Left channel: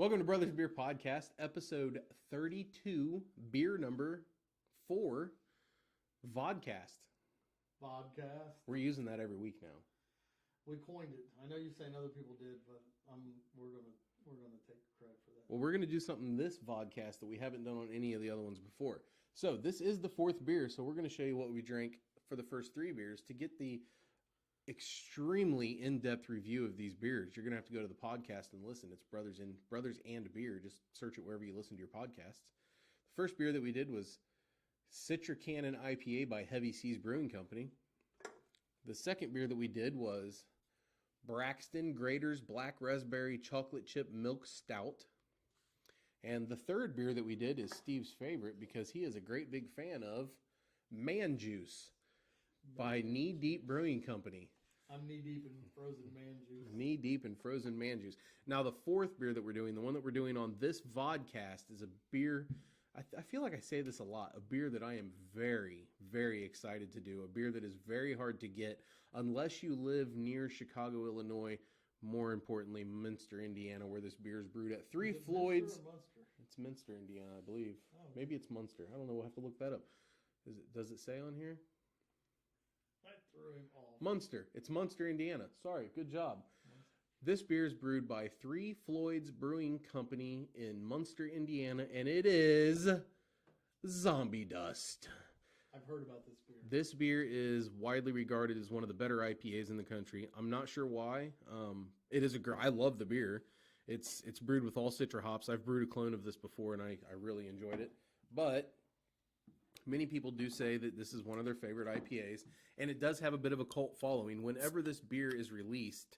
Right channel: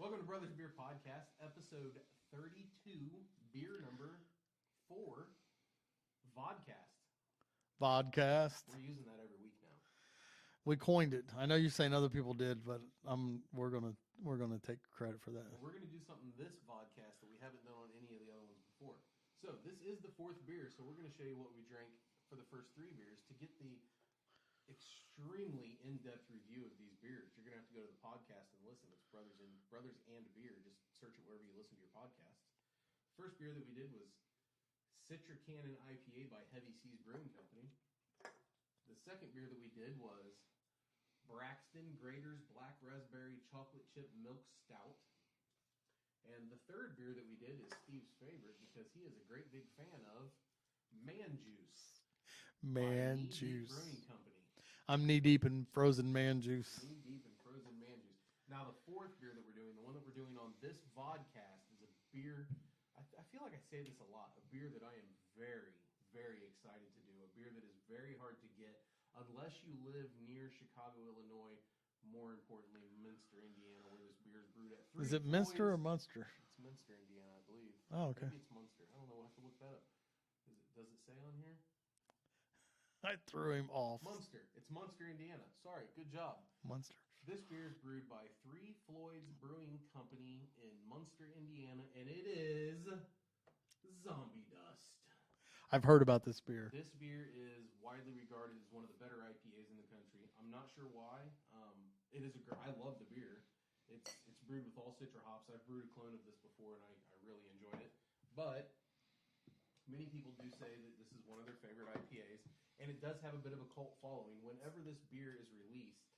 Welcome to Brothers Beer Podcast, episode 32, beer number 4, Vodcast. Vodcast. We're using that every week now. We coined it. I know you're saying other people did, but we're gonna take credit for that. Well, we're going to do something this Vodcast that we haven't done on any of the other ones before. So this is the 4th beer, so we're going to show you what we drank for the first 3 beers. To get the extremely in-depth review of these beers, you're going to have to go to the podcast and listen. It's Brothers and Beer. Just search it wherever you listen to your podcasts. The first beer that we did was Citra Cannon IPA by Heavy Seas Brewing Company. The second beer that we did was Braxton Grader's Black Raspberry Chocolate Chip Milk Stout. And the third beer that we did is Steve's favorite because he is a great big fan of Man Juice by Knee Deep Brewing Company. I'm knee deep in frozen man juice. Knee deep in frozen man juice. Now the fourth beer that we're doing, the one that we're doing on this vodcast, is a beer. I feel like I say this a lot. A beer that I am very, very excited to do. A beer that is very hard to get unless you live near Chicago, Illinois. More importantly, Minster, Indiana, where this beer is brewed at. Is it Minster or Munster? It's Minster, Indiana, I believe. Oh, okay. Maybe it's Munster. I don't know. We'll have to look that up. Does it say on here? I threw him off. Munster. It's Munster, Indiana. Sorry. Good job. Munster. This beer is brewed by 3 Floyd's Brewing Company in Munster, Indiana, and it is Zombie Dust. I've heard about this beer. This beer is widely regarded as one of the better IPAs in the country. I'm not sure why. It is I love the beer. It's brewed with all Citra hops. I've brewed a clone of this before, and I really enjoyed it. But many people do say that this is one of their favorite IPAs, and it does have a bit of a cult following. Whenever this beer is released,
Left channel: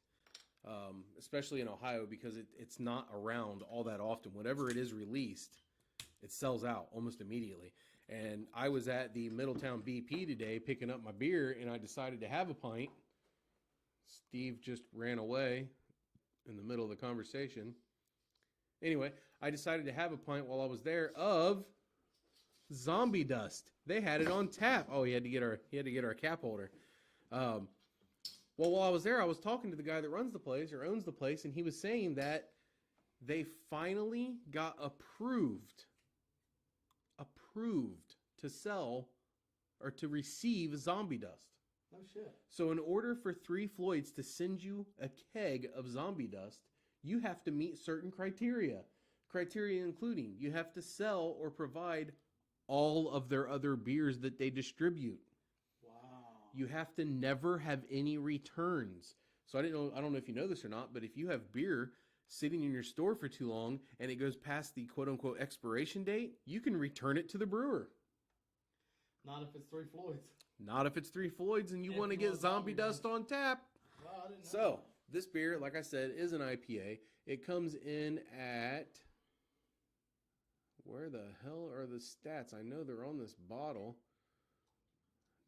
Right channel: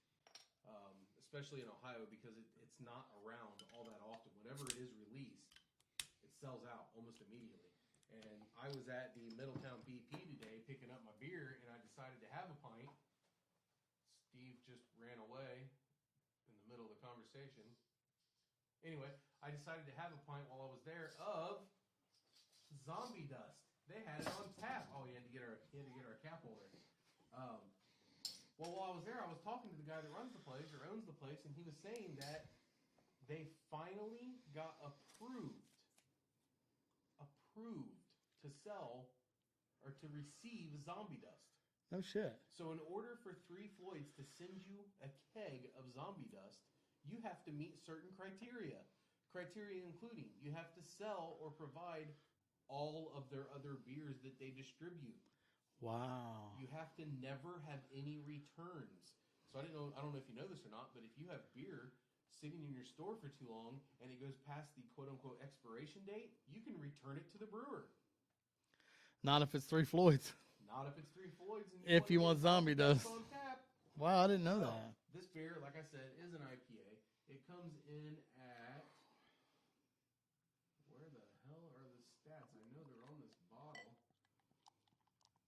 especially in Ohio, because it's not around all that often, whenever it is released, it sells out almost immediately. And I was at the Middletown BP today picking up my beer, and I decided to have a pint. Steve just ran away in the middle of the conversation. Anyway, I decided to have a pint while I was there of Zombie Dust. They had it on tap. Oh, he had to get our cap holder. Well, while I was there, I was talking to the guy that runs the place or owns the place, and he was saying that they finally got approved to sell or to receive Zombie Dust. No shit. So in order for 3 Floyds to send you a keg of Zombie Dust, you have to meet certain criteria. Criteria including you have to sell or provide all of their other beers that they distribute. Wow. You have to never have any returns. So I don't know if you know this or not, but if you have beer sitting in your store for too long and it goes past the quote-unquote expiration date, you can return it to the brewer. Not if it's 3 Floyds. Not if it's 3 Floyds and you want to get Zombie Dust on tap. Wow, I didn't know that. This beer, like I said, is an IPA. It comes in at... Where the hell are the stats? I know they're on this bottle.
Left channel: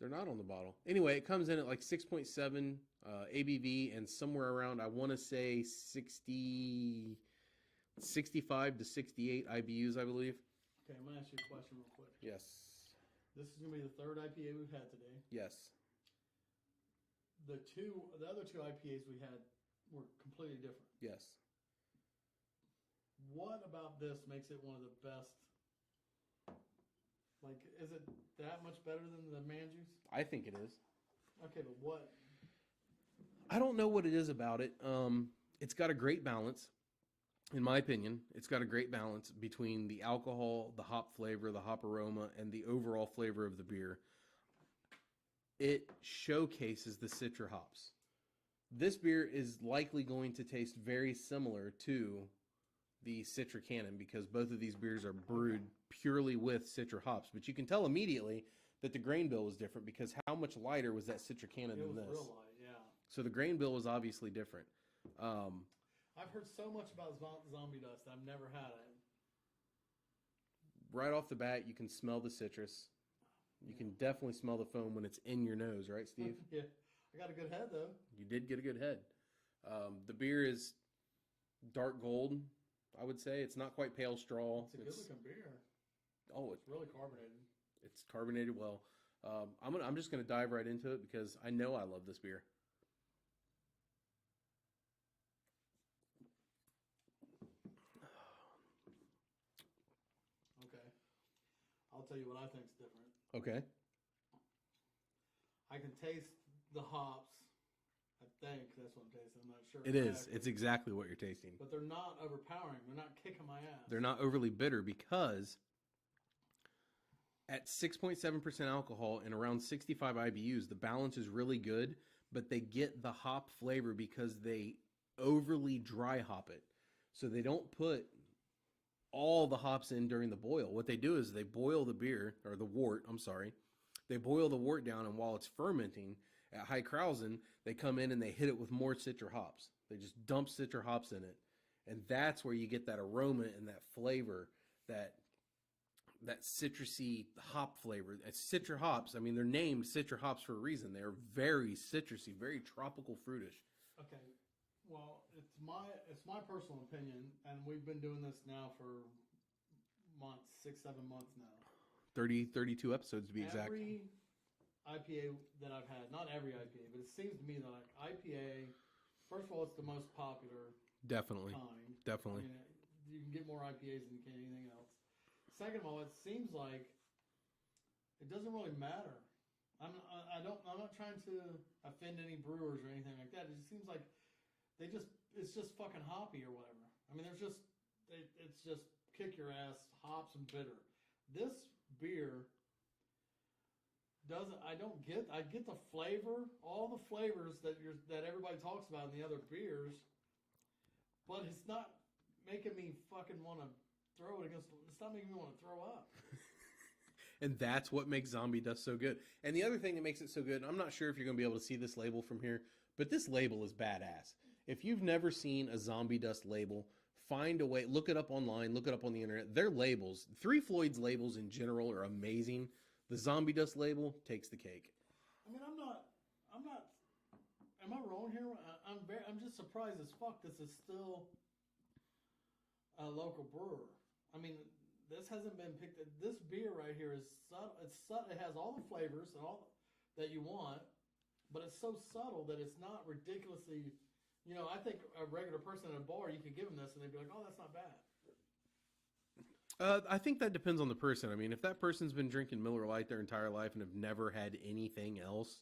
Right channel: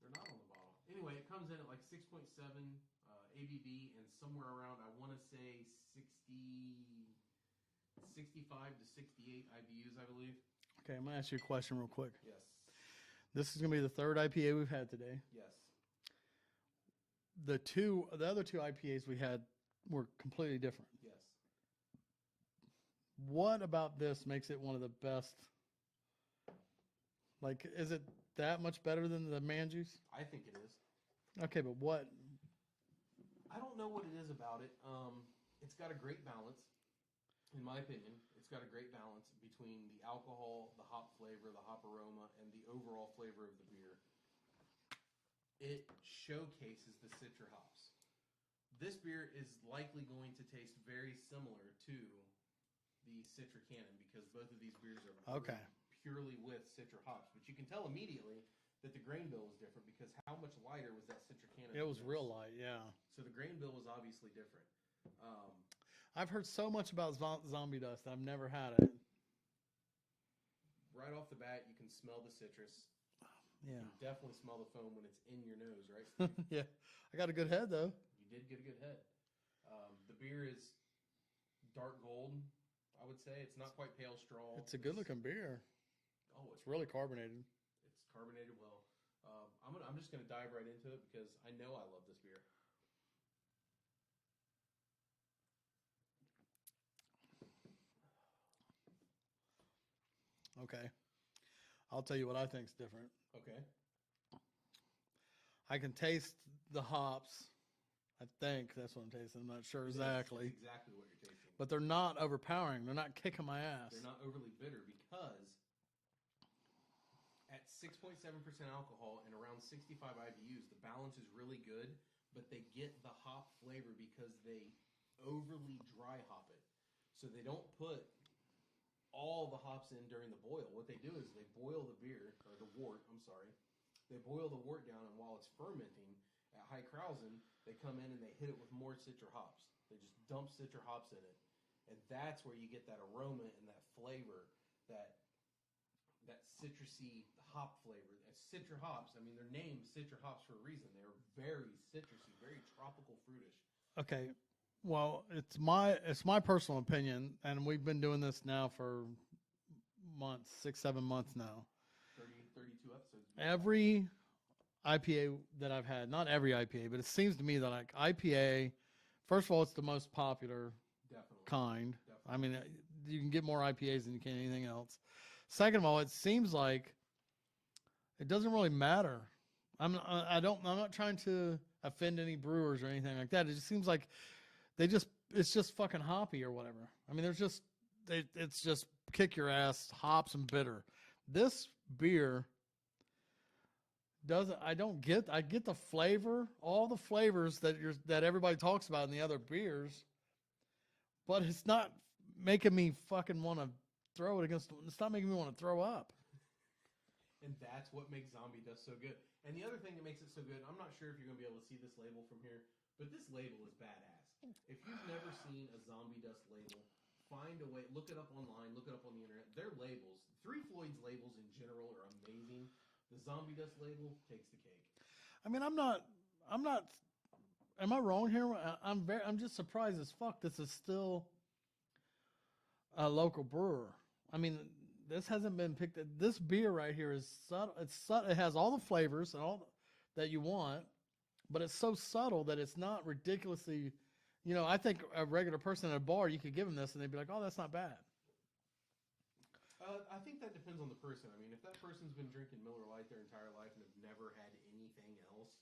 They're not on the bottle. Anyway, it comes in at like 6.7 ABV and somewhere around, I want to say 65 to 68 IBUs, I believe. Okay, I'm going to ask you a question real quick. Yes. This is going to be the 3rd IPA we've had today. Yes. The other 2 IPAs we had were completely different. Yes. What about this makes it one of the best? Like, is it that much better than the man juice? I think it is. Okay, but what? I don't know what it is about it. It's got a great balance, in my opinion. It's got a great balance between the alcohol, the hop flavor, the hop aroma, and the overall flavor of the beer. It showcases the Citra hops. This beer is likely going to taste very similar to the Citra Cannon because both of these beers are brewed purely with Citra hops. But you can tell immediately that the grain bill was different because how much lighter was that Citra Cannon It was real light, yeah. So the grain bill was obviously different. I've heard so much about Zombie Dust. I've never had it. Right off the bat, you can smell the citrus. You can definitely smell the foam when it's in your nose, right, Steve? Yeah. I got a good head, though. You did get a good head. The beer is dark gold, I would say. It's not quite pale straw. It's a good-looking beer. Oh, It's really carbonated. It's carbonated well. I'm just going to dive right into it because I know I love this beer. Okay. I'll tell you what I think's different. Okay. I can taste the hops. I think that's what I'm tasting. I'm not sure It exactly. is. It's exactly what you're tasting. But they're not overpowering. They're not kicking my ass. They're not overly bitter because at 6.7% alcohol and around 65 IBUs, the balance is really good, but they get the hop flavor because they overly dry hop it. So they don't put all the hops in during the boil. What they do is they boil the beer, or the wort, I'm sorry. They boil the wort down, and while it's fermenting at high krausen, they come in and they hit it with more citra hops. They just dump citra hops in it. And that's where you get that aroma and that flavor, that citrusy hop flavor. It's citra hops. I mean, they're named citra hops for a reason. They're very citrusy, very tropical fruitish. Okay. Well, it's my personal opinion, and we've been doing this now for months, 6-7 months now. 32 episodes to be exact. Every IPA that I've had, not every IPA, but it seems to me that like IPA, first of all, it's the most popular Definitely kind. Definitely. I mean, you can get more IPAs than you can anything else. Second of all, it seems like it doesn't really matter. I'm not trying to offend any brewers or anything like that. It just seems like it's just fucking hoppy or whatever. I mean, it's just kick your ass, hops and bitter. This beer doesn't. I get the flavor, all the flavors that everybody talks about in the other beers, but it's not making me fucking want to throw it against. It's not making me want to throw up. And that's what makes Zombie Dust so good. And the other thing that makes it so good, I'm not sure if you're going to be able to see this label from here, but this label is badass. If you've never seen a Zombie Dust label, find a way, look it up online, look it up on the internet. Their labels, Three Floyd's labels in general are amazing. The Zombie Dust label takes the cake. I mean, I'm not, am I wrong here? I'm just surprised as fuck this is still a local brewer. I mean, this hasn't been picked. This beer right here is subtle. It's subtle. It has all the flavors and all that you want, but it's so subtle that it's not ridiculously. You know, I think a regular person at a bar, you could give them this and they'd be like, "Oh, that's not bad." I think that depends on the person. I mean, if that person's been drinking Miller Lite their entire life and have never had anything else,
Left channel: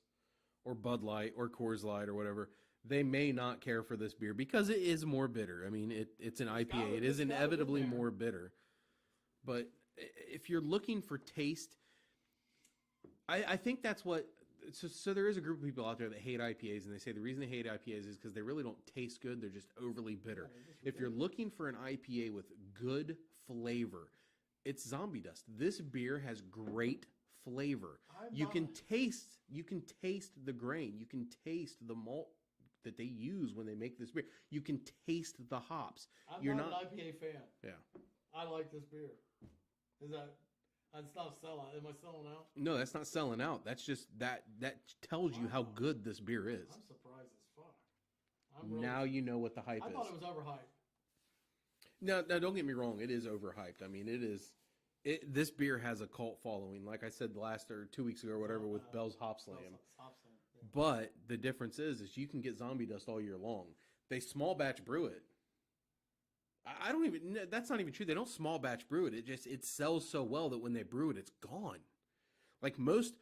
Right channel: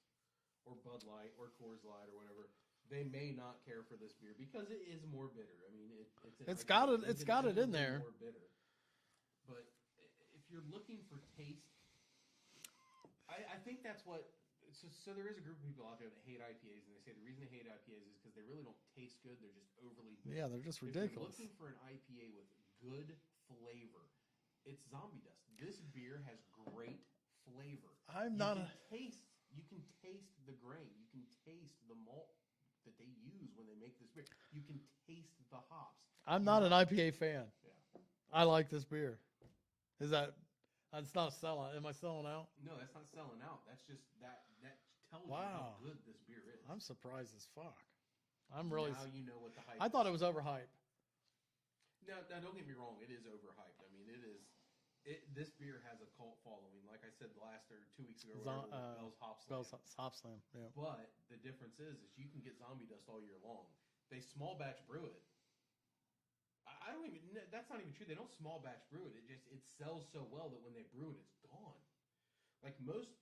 or Bud Light or Coors Light or whatever, they may not care for this beer because it is more bitter. I mean, it's an IPA. It is inevitably more bitter. But if you're looking for taste, I think that's what... So there is a group of people out there that hate IPAs, and they say the reason they hate IPAs is because they really don't taste good. They're just overly bitter. Yeah, they're just ridiculous. If you're looking for an IPA with good flavor, it's Zombie Dust. This beer has great flavor. You can taste the grain. You can taste the malt that they use when they make this beer. You can taste the hops. I'm not an IPA fan. Yeah. I like this beer. Is that... It's not a sellout. Am I selling out? No, that's not selling out. That's just that tells you how good this beer is. I'm surprised as fuck. I'm really... Now you know what the hype is. I thought it was overhyped. No, don't get me wrong. It is overhyped. I mean, it is. This beer has a cult following. Like I said last or 2 weeks ago or whatever with Bell's Hop Slam. Bell's Hop Slam, yeah. But the difference is you can get Zombie Dust all year long. They small batch brew it. I don't even... That's not even true. They don't small batch brew it. It sells so well that when they brew it, it's gone. Like most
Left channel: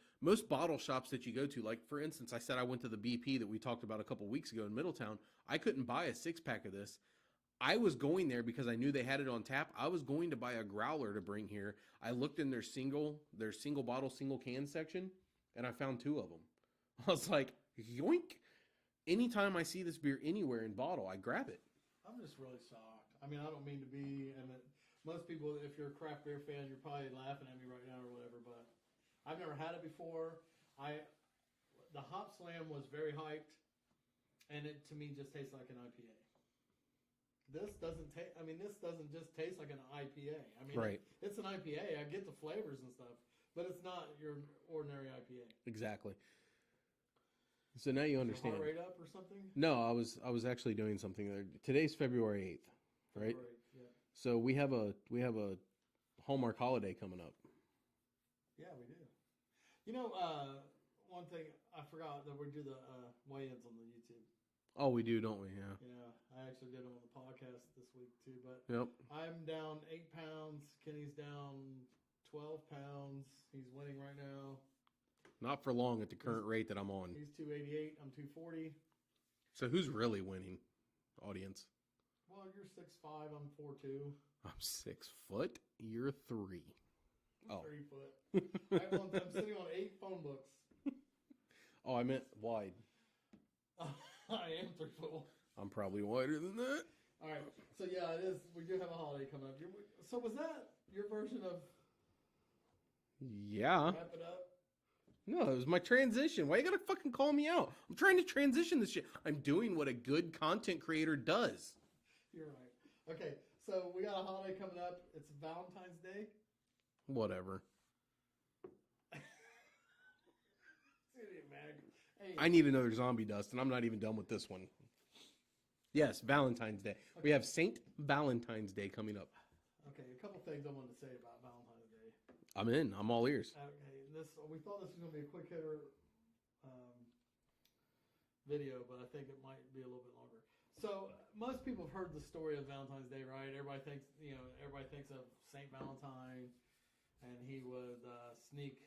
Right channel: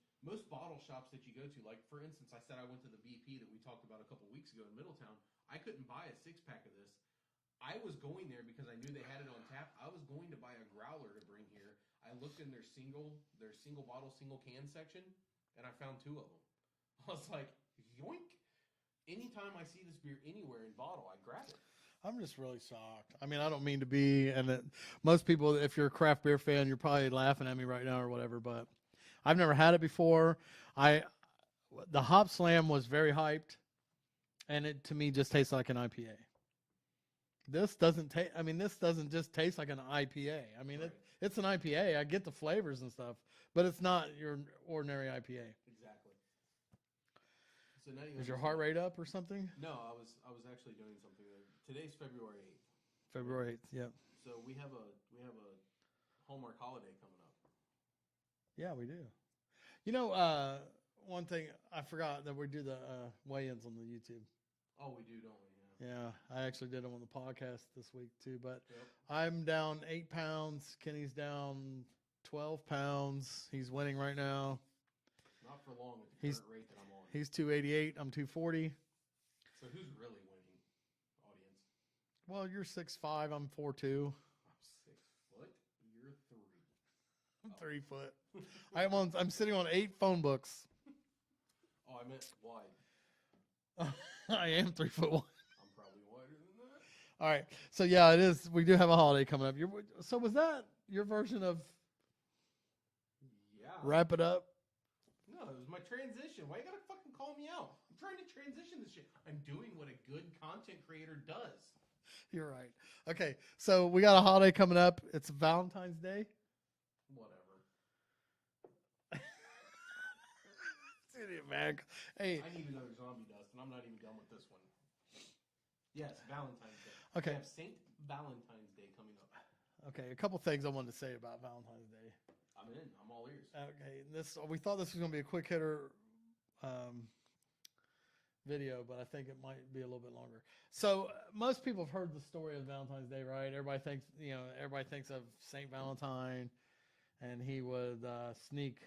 bottle shops that you go to, like for instance, I said I went to the BP that we talked about a couple weeks ago in Middletown. I couldn't buy a 6-pack of this. I was going there because I knew they had it on tap. I was going to buy a growler to bring here. I looked in their single bottle, single can section, and I found 2 of them. I was like, yoink. Anytime I see this beer anywhere in bottle, I grab it. I'm just really shocked. I mean, I don't mean to be, and most people, if you're a craft beer fan, you're probably laughing at me right now or whatever, but I've never had it before. The Hop Slam was very hyped, and it, to me, just tastes like an IPA. This doesn't taste, I mean, this doesn't just taste like an IPA. I mean, right. It's an IPA. I get the flavors and stuff, but it's not your ordinary IPA. Exactly. So now you understand. Is your heart rate up or something? No, I was actually doing something there. Today's February 8th. February right? 8th, yeah. So we have a Hallmark holiday coming up. Yeah, we do. You know, one thing I forgot that we do the weigh-ins on the YouTube. Oh, we do, don't we? Yeah. Yeah, I actually did them on the podcast this week too. But Yep. I'm down 8 pounds. Kenny's down 12 pounds. He's winning right now. Not for long at the current rate that I'm on. He's 288. I'm 240. So who's really winning, audience? Well, you're 6'5". I'm 4'2". I'm 6 foot. You're 3. I'm 3 foot. I'm sitting on 8 phone books. Oh, I meant wide. I am 3'1". I'm probably wider than that. All right. So yeah, it is. We do have a holiday coming up. So was that your version of Yeah. wrap it up? No, it was my transition. Why you gotta fucking call me out? I'm trying to transition this shit. I'm doing what a good content creator does. You're right. Okay. So we got a holiday coming up. It's Valentine's Day. Whatever. Man. Hey, I need another zombie dust, and I'm not even done with this one. Yes, Valentine's Day. Okay. We have Saint Valentine's Day coming up. okay. A couple things I wanted to say about Valentine's Day. I'm in. I'm all ears. Okay. We thought this was going to be a quick hitter video, but I think it might be a little bit longer. So most people have heard the story of Valentine's Day, right? Everybody thinks of Saint Valentine, and he would sneak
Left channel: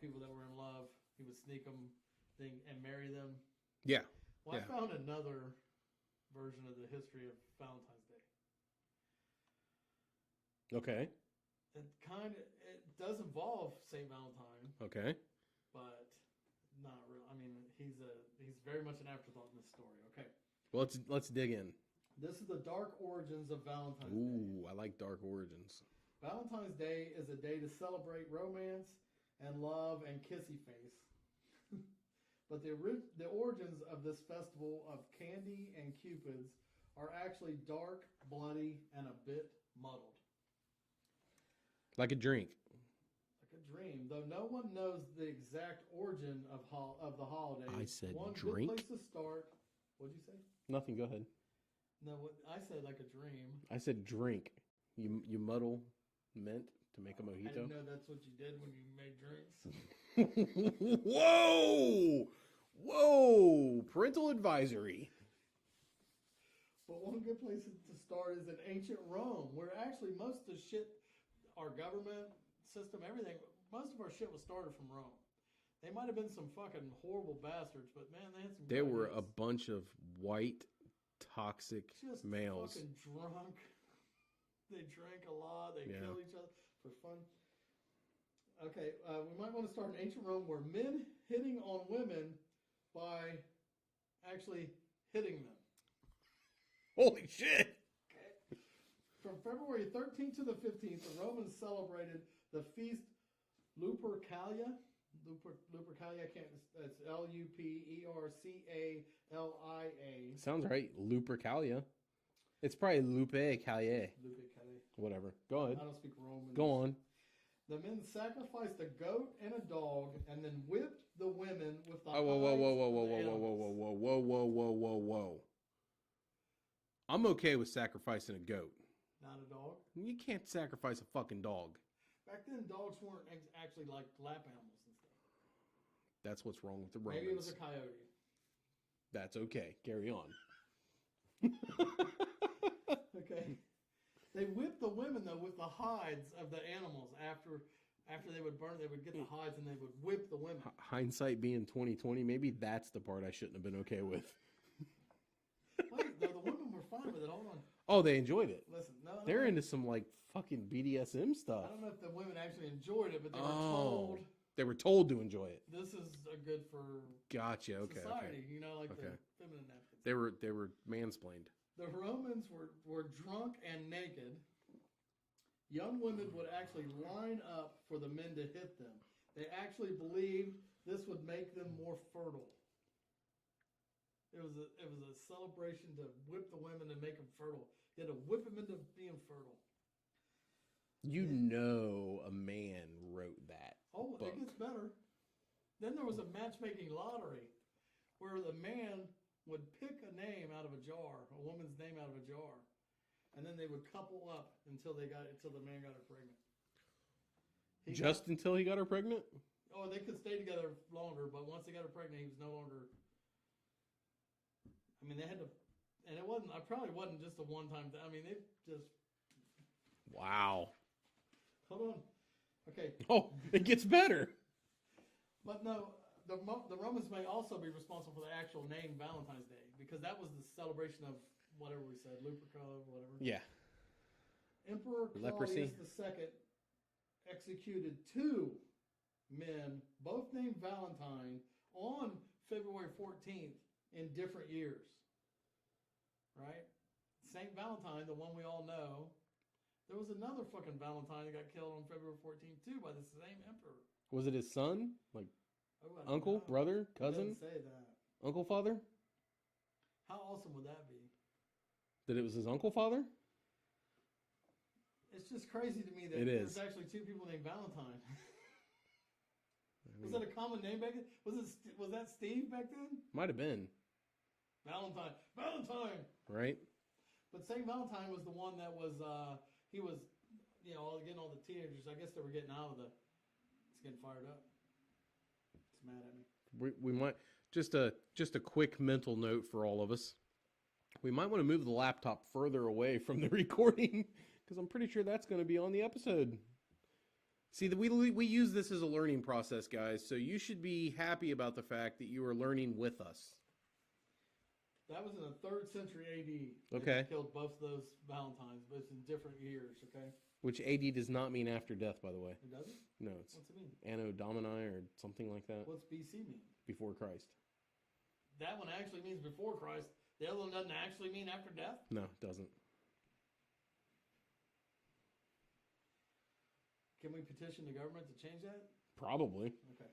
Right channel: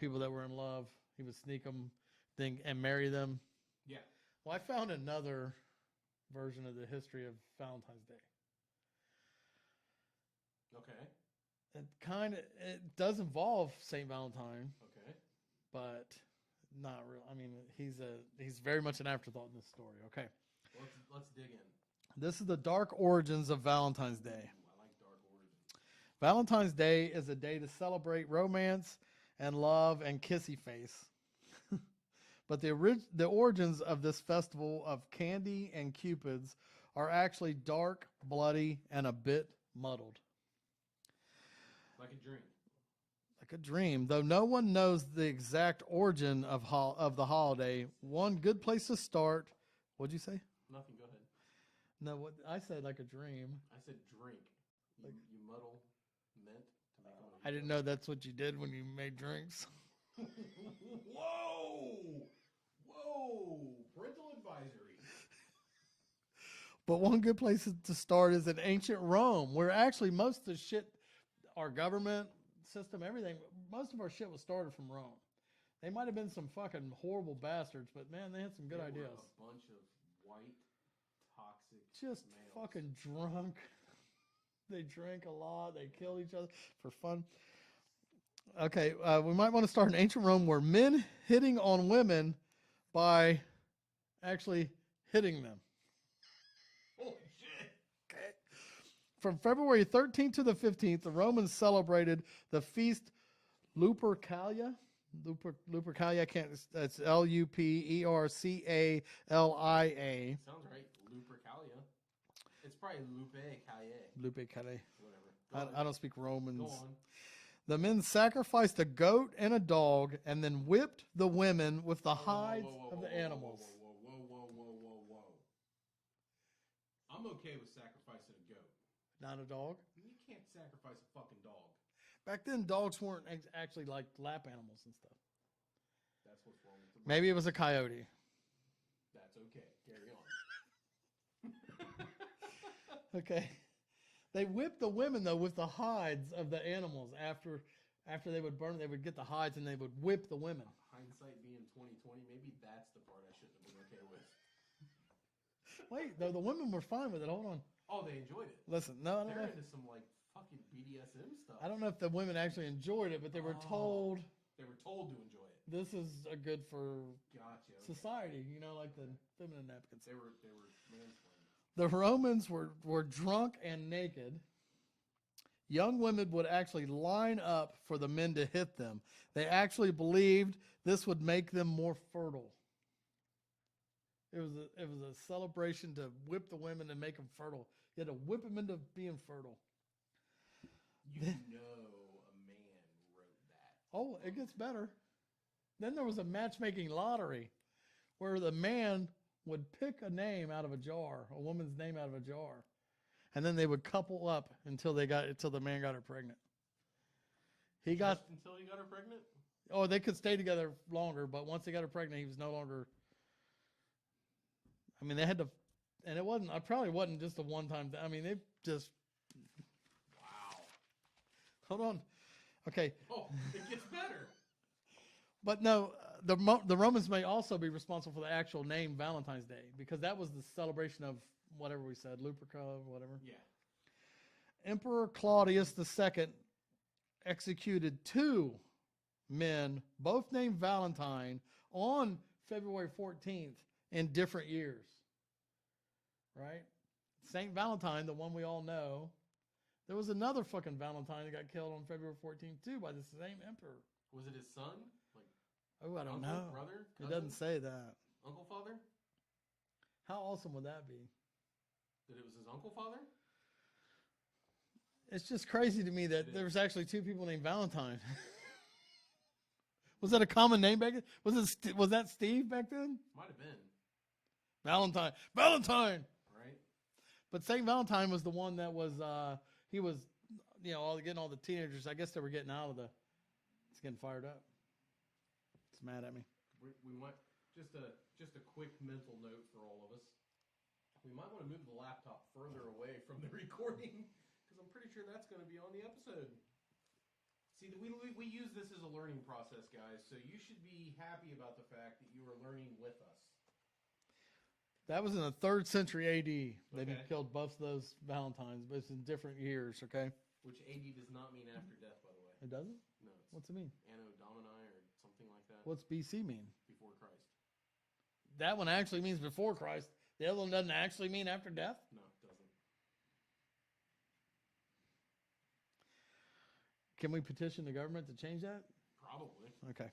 people that were in love. He would sneak them and marry them. Yeah. Well, Yeah. I found another version of the history of Valentine's Day. Okay. It does involve Saint Valentine, Okay. but not real. I mean, he's very much an afterthought in this story. Okay. Well, let's dig in. This is the dark origins of Valentine's Day. Ooh, I like dark origins. Valentine's Day is a day to celebrate romance and love and kissy face. But the origins of this festival of candy and cupids are actually dark, bloody, and a bit muddled. Like a drink. Like a dream, though no one knows the exact origin of the holiday. I said One drink? good place to start. What'd you say? Nothing. Go ahead. No, what I said like a dream. I said drink. You muddle mint to make a mojito. I didn't know that's what you did when you made drinks. Whoa! Whoa! Parental advisory. But one good place to start is in ancient Rome, where actually most of the shit, our government system, everything, most of our shit was started from Rome. They might have been some fucking horrible bastards, but man, they had some good They were ideas. a bunch of white, toxic Just males. fucking drunk. They drank a lot. They Yeah. killed each other for fun. Okay, we might want to start in ancient Rome where men hitting on women by actually hitting them. Holy shit! From February 13th to the 15th, the Romans celebrated the feast Lupercalia. Lupercalia, I can't, that's Lupercalia. Sounds right. Lupercalia. It's probably Lupercalia. Lupercalia. Whatever. Go ahead. I don't speak Roman. Go on. The men sacrificed a goat and a dog and then whipped the women with the hides of the animals. Whoa. I'm okay with sacrificing a goat. Not a dog? You can't sacrifice a fucking dog. Back then, dogs weren't actually like lap animals and stuff. That's what's wrong with the Maybe it was Romans. a coyote. That's okay. Carry on. Okay. They whipped the women, though, with the hides of the animals. After they would burn, they would get the hides and they would whip the women. Hindsight being 2020, maybe that's the part I shouldn't have been okay with. Wait, though, the women were fine with it. Hold on. Oh, they enjoyed it. Listen, no. They're into some like fucking BDSM stuff. I don't know if the women actually enjoyed it, but they were told They were told to enjoy it. this is good for Gotcha. Okay. society. Okay. You know, like Okay. the feminine napkins. They were mansplained. The Romans were drunk and naked. Young women would actually line up for the men to hit them. They actually believed this would make them more fertile. It was a celebration to whip the women and make them fertile. You had to whip them into being fertile. You know a man wrote that. Oh, book. it gets better. Then there was a matchmaking lottery where the man would pick a name out of a jar, a woman's name out of a jar. And then they would couple up until the man got her pregnant. Until he got her pregnant? Oh, they could stay together longer, but once they got her pregnant, he was no longer I mean, they had to, and it wasn't. I probably wasn't just a one-time thing. I mean, they just. Wow. Hold on. Okay. Oh, it gets better. But no, the Romans may also be responsible for the actual name Valentine's Day because that was the celebration of whatever we said, Luperca, whatever. Yeah. Emperor Claudius II executed 2 men, both named Valentine, on February 14th in different years. Right? Saint Valentine, the one we all know. There was another fucking Valentine that got killed on February 14th too by the same emperor. Was it his son? Like Oh, I don't uncle, know. brother, It cousin? doesn't say that. Uncle, father? How awesome would that be? That it was his uncle, father? It's just crazy to me that It there's is. actually 2 people named Valentine. Was that a common name back then? Was that Steve back then? Might have been. Valentine. Right? But Saint Valentine was the one that was he was, getting all the teenagers. I guess they were getting out of it's getting fired up. It's mad at me. We might just a quick mental note for all of us. We might want to move the laptop further away from the recording because I'm pretty sure that's going to be on the episode. See, we use this as a learning process, guys. So you should be happy about the fact that you are learning with us. That was in the 3rd century AD. They Okay. killed both of those Valentines, but it's in different years. Okay. Which AD does not mean after death, by the way. It doesn't. No, it's What's it mean? Anno Domini or something like that. What's BC mean? Before Christ. That one actually means before Christ. The other one doesn't actually mean after death. No, it doesn't. Can we petition the government to change that? Probably. Okay.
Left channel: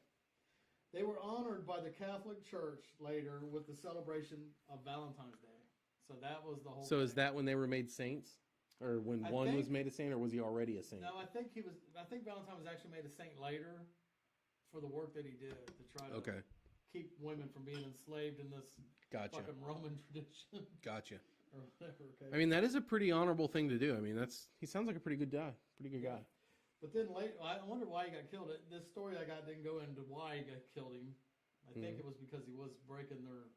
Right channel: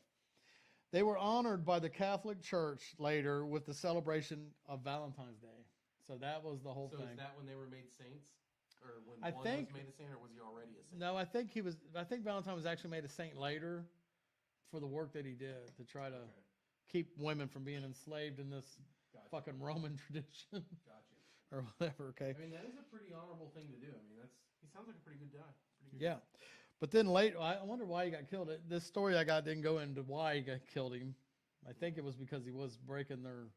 They were honored by the Catholic Church later with the celebration of Valentine's Day. So that was the whole So thing. is that when they were made saints? Or when one was made a saint, or was he already a saint? No, I think Valentine was actually made a saint later for the work that he did to try to keep women from being enslaved in this fucking Roman tradition. Gotcha. Or whatever, okay. I mean, that is a pretty honorable thing to do. I mean, he sounds like a pretty good guy. Pretty good guy. But then later, I wonder why he got killed. This story I got didn't go into why he killed him. I think it was because he was breaking their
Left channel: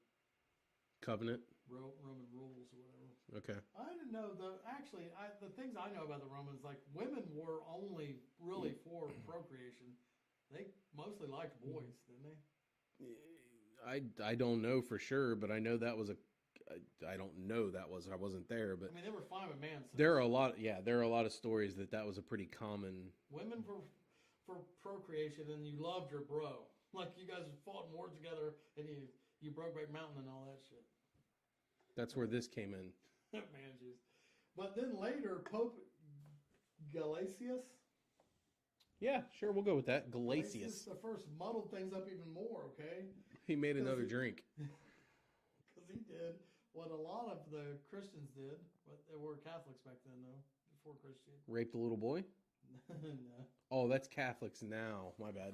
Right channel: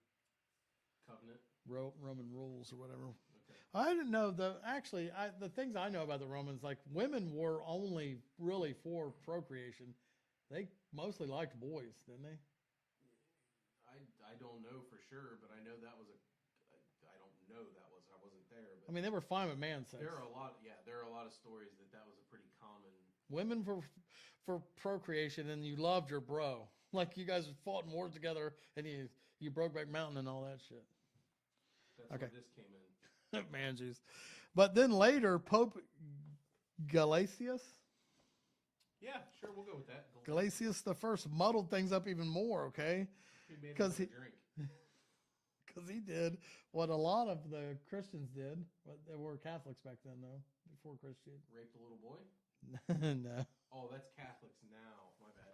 covenant, Roman rules or whatever. Okay. I didn't know the things I know about the Romans, like women were only really for procreation. They mostly liked boys, didn't they? I don't know for sure, but I know that was I don't know that was. I wasn't there, but I mean, they were fine with man sex. There are a lot. Yeah, there are a lot of stories that was a pretty common. Women for procreation, and you loved your bro. Like you guys fought in wars together, and you Brokeback Mountain and all that shit. That's where this came in. Man, jeez. But then later, Pope Gelasius. Yeah, sure, we'll go with that. Gelasius the First muddled things up even more. Okay. He made another drink. Because he did what a lot of the Christians did. But they were Catholics back then, though, before Christian. Raped a little boy? No. Oh, that's Catholics now. My bad.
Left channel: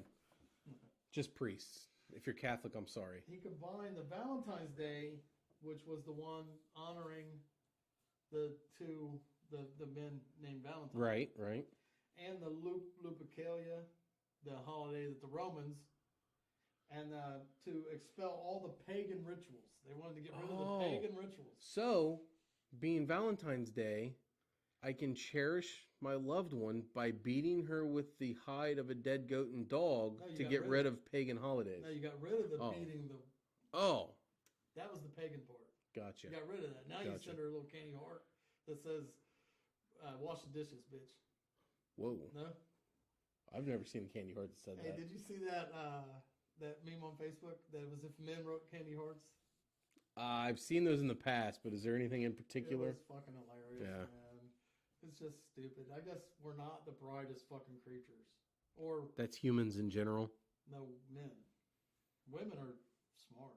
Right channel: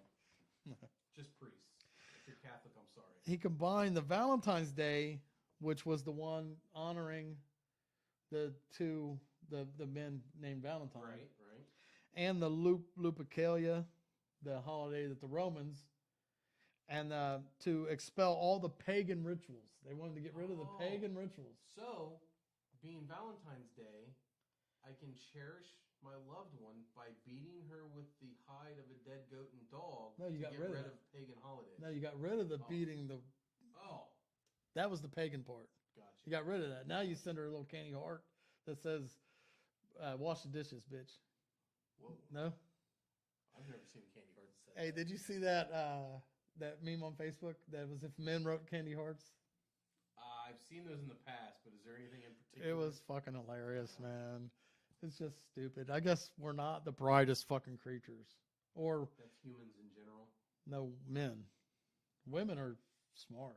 Just priests. If you're Catholic, I'm sorry. He combined the Valentine's Day, which was the one honoring the men named Valentine. Right. And the Lupercalia, the holiday that the Romans, and to expel all the pagan rituals. They wanted to get rid of the pagan rituals. So, being Valentine's Day, I can cherish my loved one by beating her with the hide of a dead goat and dog to get rid of pagan holidays. No, you got rid of the beating the... Oh. That was the pagan part. Gotcha. You got rid of that. Now you send her a little candy heart that says, wash the dishes, bitch. Whoa. No? I've never seen a candy heart that said that. Hey, did you see that that meme on Facebook that was if men wrote candy hearts? I've seen those in the past, but is there anything in particular? It was fucking hilarious, man. It's just stupid. I guess we're not the brightest fucking creatures. Or that's humans in general. No, men. Women are smart.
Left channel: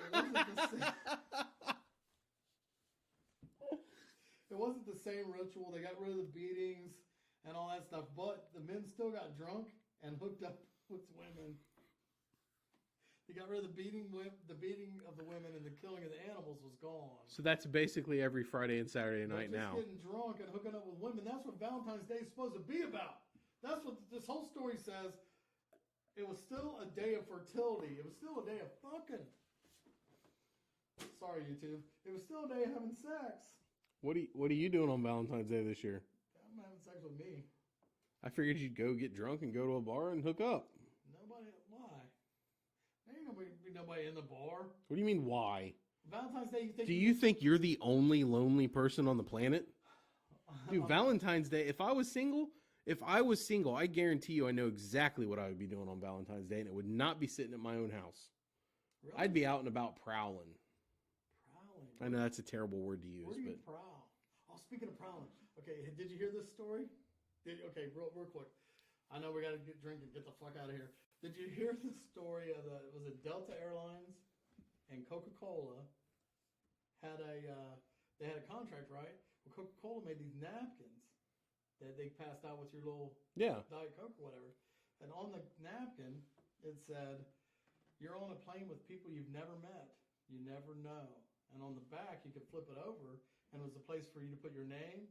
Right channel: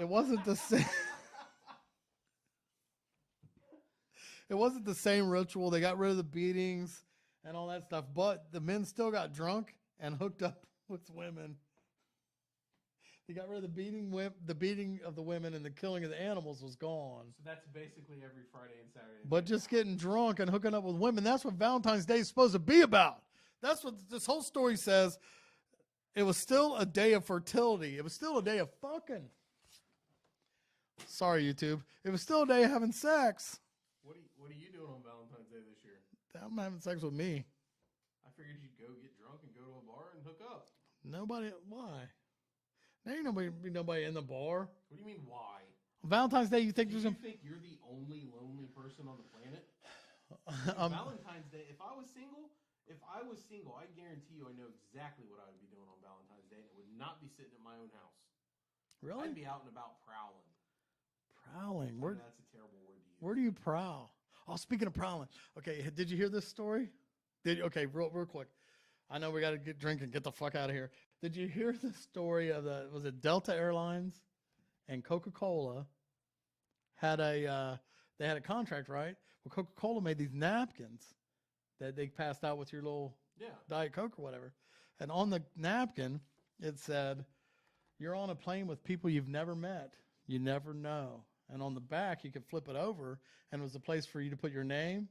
It wasn't the same. It wasn't the same ritual. They got rid of the beatings and all that stuff, but the men still got drunk and hooked up with women. They got rid of the beating of the women, and the killing of the animals was gone. So that's basically every Friday and Saturday night. But just getting drunk and hooking up with women, that's what Valentine's Day is supposed to be about. That's what this whole story says. It was still a day of fertility. It was still a day of fucking. Sorry, YouTube. It was still a day of having sex. What are you doing on Valentine's Day this year? I'm having sex with me. I figured you'd go get drunk and go to a bar and hook up. Nobody. Why? There ain't nobody in the bar. What do you mean, why? On Valentine's Day, you think? Do you think you're the only lonely person on the planet? Dude, Valentine's Day. If I was single, I guarantee you, I know exactly what I would be doing on Valentine's Day, and it would not be sitting at my own house. Really? I'd be out and about prowling. Prowling. I know that's a terrible word to use. Where do you prowl? Oh, speaking of prowling. Okay, did you hear this story? Okay, real quick. I know we got to get drink and get the fuck out of here. Did you hear the story of was it Delta Airlines and Coca-Cola had they had a contract, right? Well, Coca-Cola made these napkins that they passed out with your little Diet Coke or whatever. And on the napkin, it said, "You're on a plane with people you've never met. You never know." And on the back, you could flip it over, and it was a place for you to put your name,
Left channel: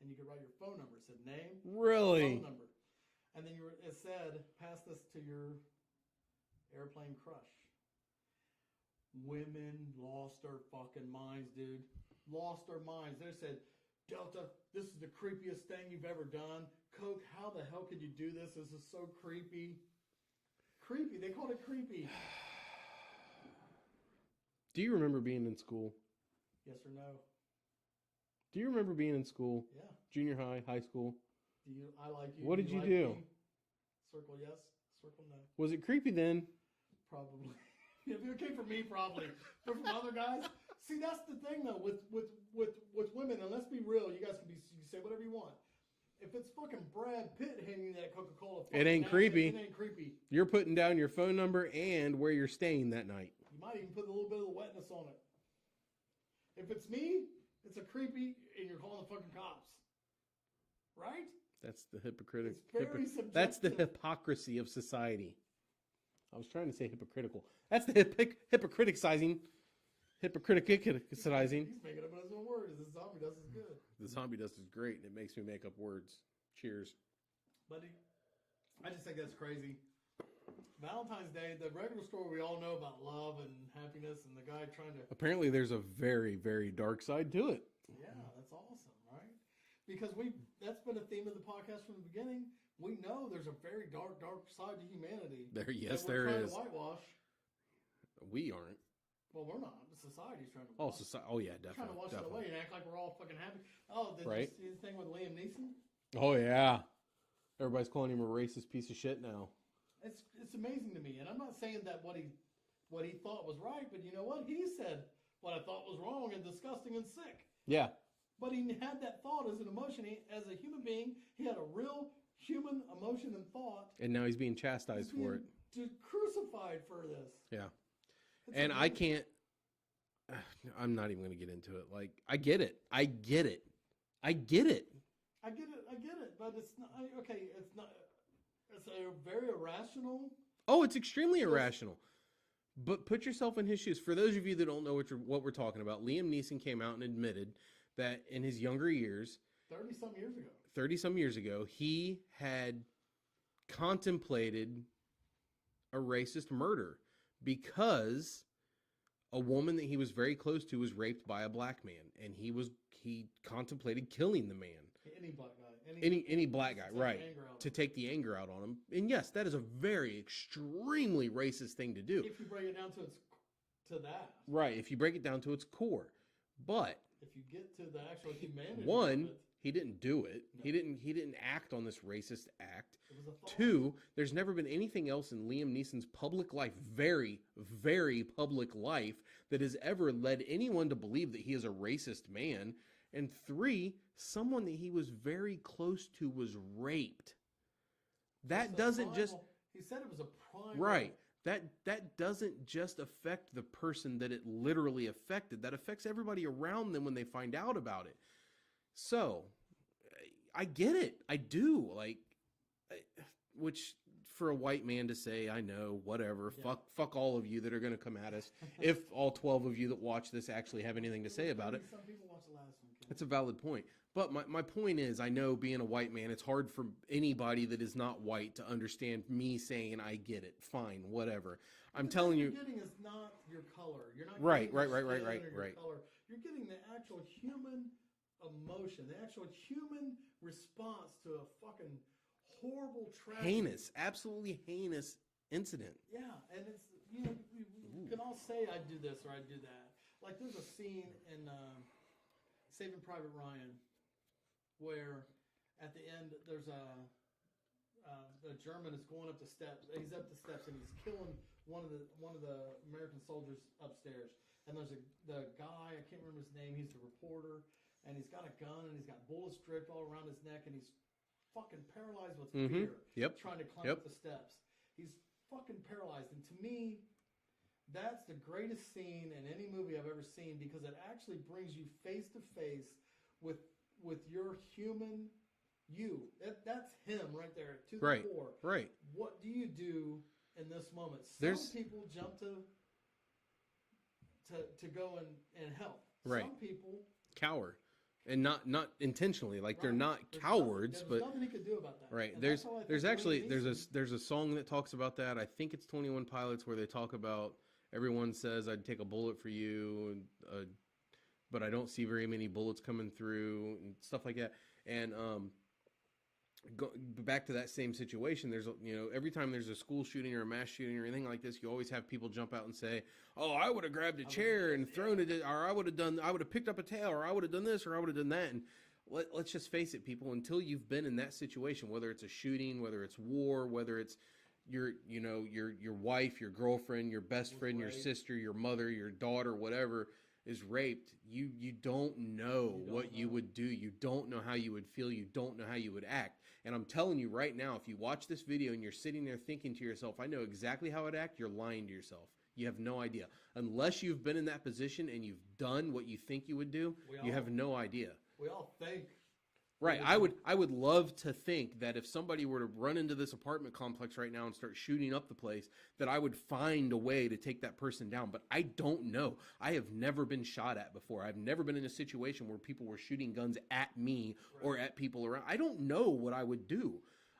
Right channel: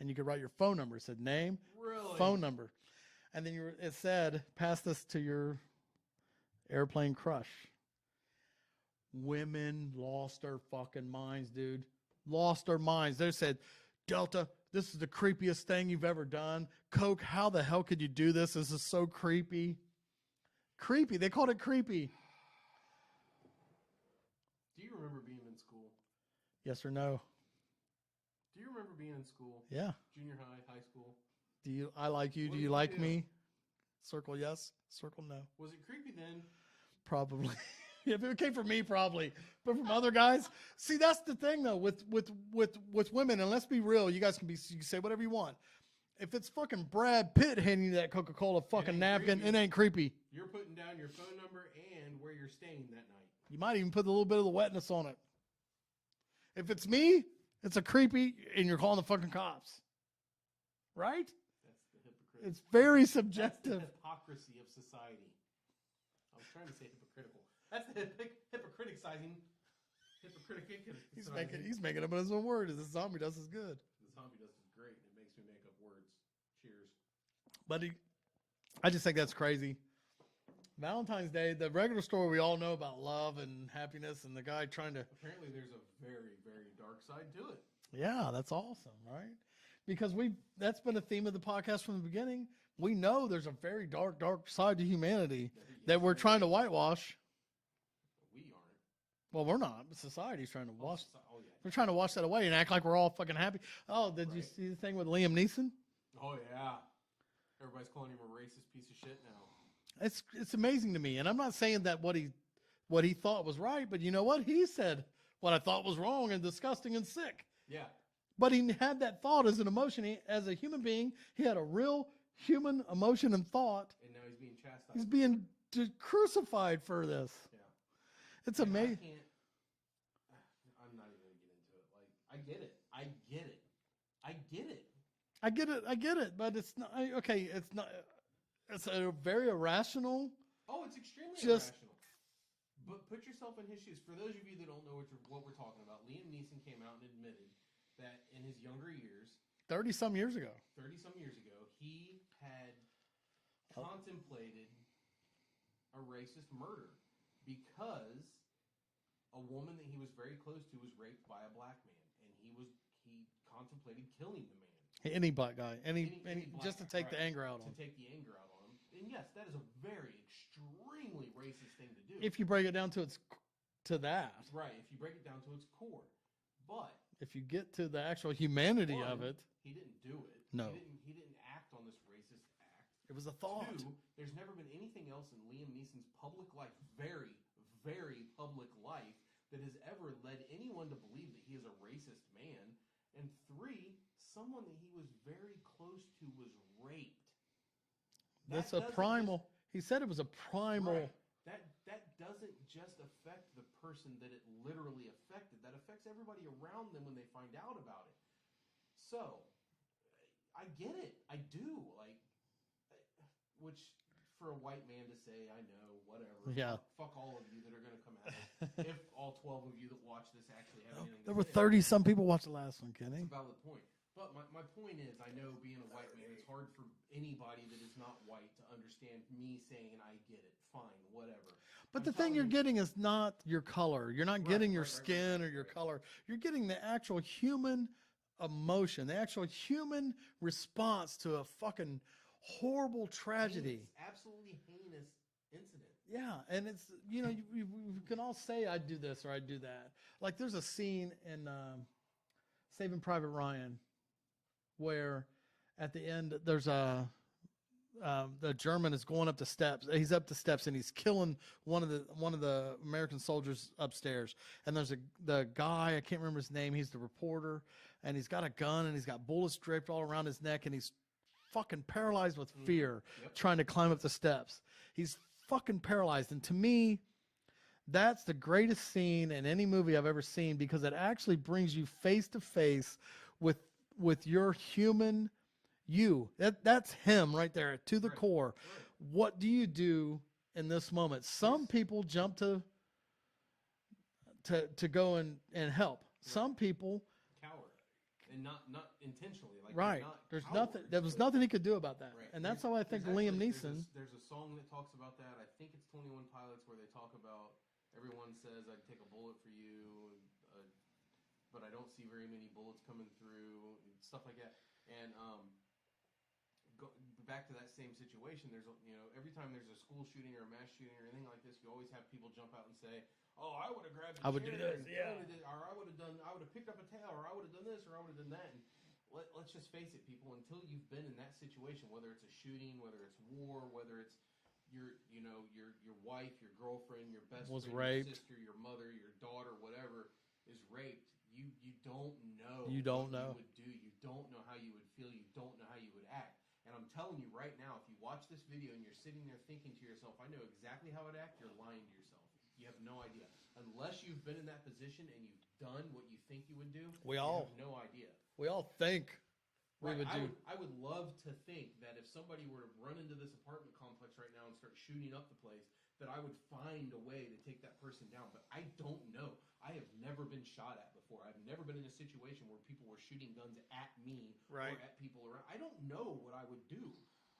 and you could write your phone number. It said name, really, phone number. And then it said, "Pass this to your airplane crush." Women lost their fucking minds, dude. Lost their minds. They said, "Delta, this is the creepiest thing you've ever done. Coke, how the hell could you do this? This is so creepy." Creepy. They called it creepy. Do you remember being in school? Yes or no? Do you remember being in school? Yeah. Junior high, high school? I like you. What do did you you like do? me? Circle yes. Circle no. Was it creepy then? Probably. If it came from me, probably. But from other guys, see, that's the thing though with women. And let's be real, you guys can say whatever you want. If it's fucking Brad Pitt handing you that Coca-Cola fucking napkin, creepy. it ain't creepy. You're putting down your phone number and where you're staying that night. You might even put a little bit of the wetness on it. If it's me, it's a creepy, and you're calling the fucking cops. Right? That's the hypocritical. It's very subjective. That's the hypocrisy of society. I was trying to say hypocritical. That's the hypocriticizing. He's making up his own word. The zombie dust is good. The zombie dust is great, and it makes me make up words. Cheers. But I just think that's crazy. Valentine's Day, the regular story we all know about love and happiness and the guy trying to... Apparently there's a very, very dark side to it. Yeah, that's awesome, right? Because that's been a theme of the podcast from the beginning. We know there's a very dark, dark side to humanity that we're trying to whitewash. We aren't. Well, we're not. Society's trying to wash. Oh, yeah. They're trying to wash that away and act like we're all fucking happy. Oh, did you see the thing with Liam Neeson? Oh, yeah. Everybody's calling him a racist piece of shit now. It's amazing to me. And I'm not saying that what he thought was right, but you know what? He said what I thought was wrong and disgusting and sick. Yeah. But he had that thought as an emotion. As a human being, he had a real human emotion and thought. And now he's being chastised. He's being crucified for this. Yeah. It's and amazing. I can't. I'm not even going to get into it. Like, I get it. But it's not okay. It's not. It's a very irrational. Oh, it's extremely irrational. But put yourself in his shoes. For those of you that don't know what we're talking about, Liam Neeson came out and admitted that in his younger years, 30-some years ago, he had contemplated a racist murder because a woman that he was very close to was raped by a black man, and he contemplated killing the man. Any black guy, any black guy, to take right? The anger out to take the anger out on him. And yes, that is a very extremely racist thing to do. If you break it down to that, right? If you break it down to its core, but if you get to the actual humanity of it, he didn't do it. No. He didn't act on this racist act. It was a thought. 2, there's never been anything else in Liam Neeson's public life, very, very public life, that has ever led anyone to believe that he is a racist man. And 3, someone that he was very close to was raped. That doesn't primal. He said it was a primal. Right. That doesn't just affect the person that it literally affected. That affects everybody around them when they find out about it. So, I get it. I do. Which, for a white man to say, I know, whatever. Yeah. Fuck all of you that are going to come at us. If all 12 of you that watch this actually have anything to say about it. about it. 30-some people watched the last one, Kenny. That's a valid point. But my point is, I know being a white man, it's hard for anybody that is not white to understand me saying, I get it. Fine, whatever. But I'm the telling thing you're you, getting is not your color. You're not Right, getting your right, right, skin right, or your right. color. You're getting the actual human emotion, the actual human response to a fucking horrible tragedy. heinous, absolutely heinous incident. Yeah, and it's, you know, you can all say I do this or I do that. Like there's a scene in Saving Private Ryan where at the end there's the German is going up the steps. He's up the steps and he's killing one of the American soldiers upstairs. And there's the guy, I can't remember his name. He's the reporter, and he's got a gun and he's got bullets draped all around his neck, and he's fucking paralyzed with fear, Yep. trying to climb up the steps. He's fucking paralyzed, and to me, that's the greatest scene in any movie I've ever seen because it actually brings you face to face with your human you. That's him right there to the Right, core. right. What do you do in this moment? Some people jump to go and help. Right. Some people Cower. And not intentionally. Like they're right. not There's cowards. there was but, nothing he could do about that. Right. And that's how I think Liam Neeson. There's a song that talks about that. I think it's 21 Pilots where they talk about everyone says I'd take a bullet for you, but I don't see very many bullets coming through and stuff like that. And back to that same situation, there's every time there's a school shooting or a mass shooting or anything like this, you always have people jump out and say, "Oh, I would have grabbed a chair and thrown it, or I would have picked up a tail, or I would have done this, or I would have done that." And let's just face it, people, until you've been in that situation, whether it's a shooting, whether it's war, whether it's your wife, your girlfriend, your best friend, raped. your sister, your mother, your daughter, whatever is raped, you don't know what you would do. You don't know how you would feel. You don't know how you would act. And I'm telling you right now, if you watch this video and you're sitting there thinking to yourself, I know exactly how I'd act, you're lying to yourself. You have no idea. Unless you've been in that position and you've done what you think you would do, you have no idea. We all think. Right. I would love to think that if somebody were to run into this apartment complex right now and start shooting up the place, that I would find a way to take that person down. But I don't know. I have never been shot at before. I've never been in a situation where people were shooting guns at me or at people around. I don't know what I would do.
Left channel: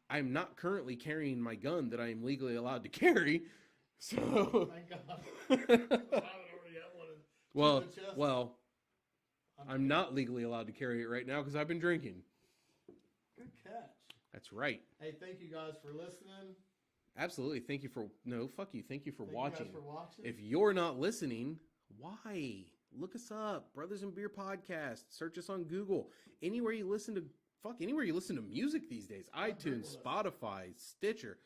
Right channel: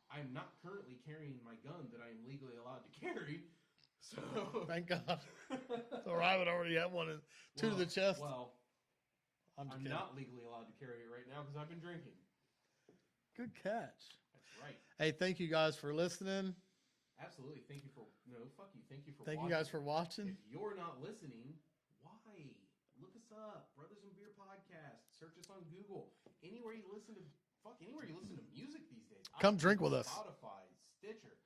I'm not currently carrying my gun that I am legally allowed to carry. So thank God. So I would already have one to the chest. Well, I'm not legally allowed to carry it right now because I've been drinking. Good catch. That's right. Hey, thank you guys for listening. Absolutely. Thank you for fuck you. Thank you for watching. Thank you guys for watching. If you're not listening, why? Look us up, Brothers and Beer Podcast. Search us on Google. Anywhere you listen to music these days. Come iTunes, drink with us. Spotify, Stitcher.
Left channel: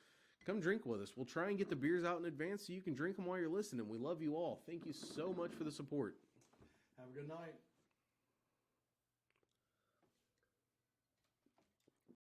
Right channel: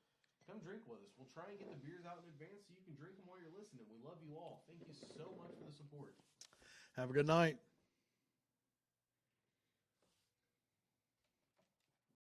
Come drink with us. We'll try and get the beers out in advance so you can drink them while you're listening. We love you all. Thank you so much for the support. Have a good night.